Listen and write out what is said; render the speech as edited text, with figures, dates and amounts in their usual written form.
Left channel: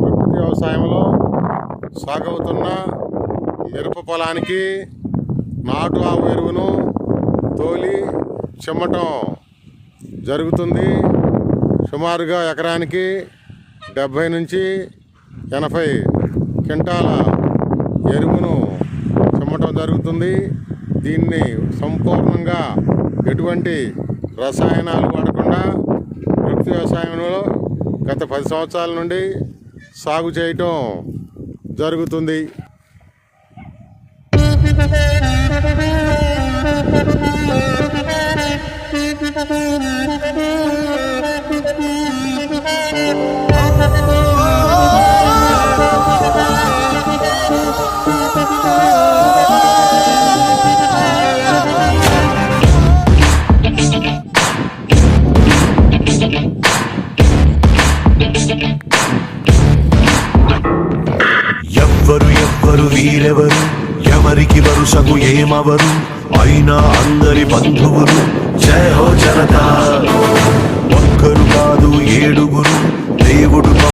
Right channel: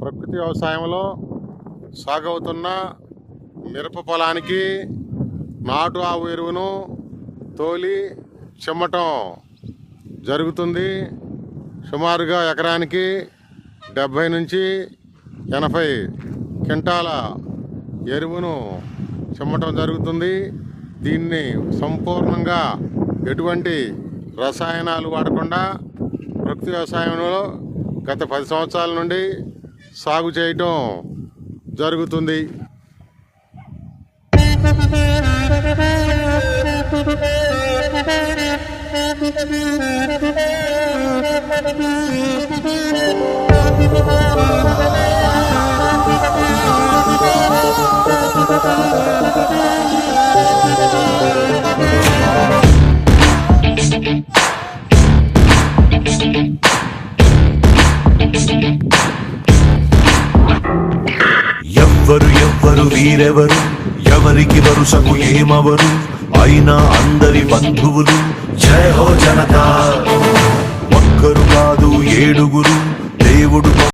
ప్రకృతి వ్యవసాయంలో సాగవుతున్న మిరప పొలానికి నాటు ఆవు ఎరువును తోలి చిమ్మటం జరుగుతుంది. సుమారుగా ఎకరానికి 70 నుంచి 80 క్వింటాల ఎరువును చిమ్మటం జరుగుతుంది. దీన్ని సంపూర్ణంగా ఎటువంటి రసాయనాలు వాడకుండా ప్రకృతి వ్యవసాయంలో గత 10 సంవత్సరాల నుండి సాగు చేయటం జరుగుతుంది. ఎవ్వరు వీరెవరు, ఎవరికి వరుసకు ఏమవరు, అయినా అందరి బంధువులు. జయ హో జనతా.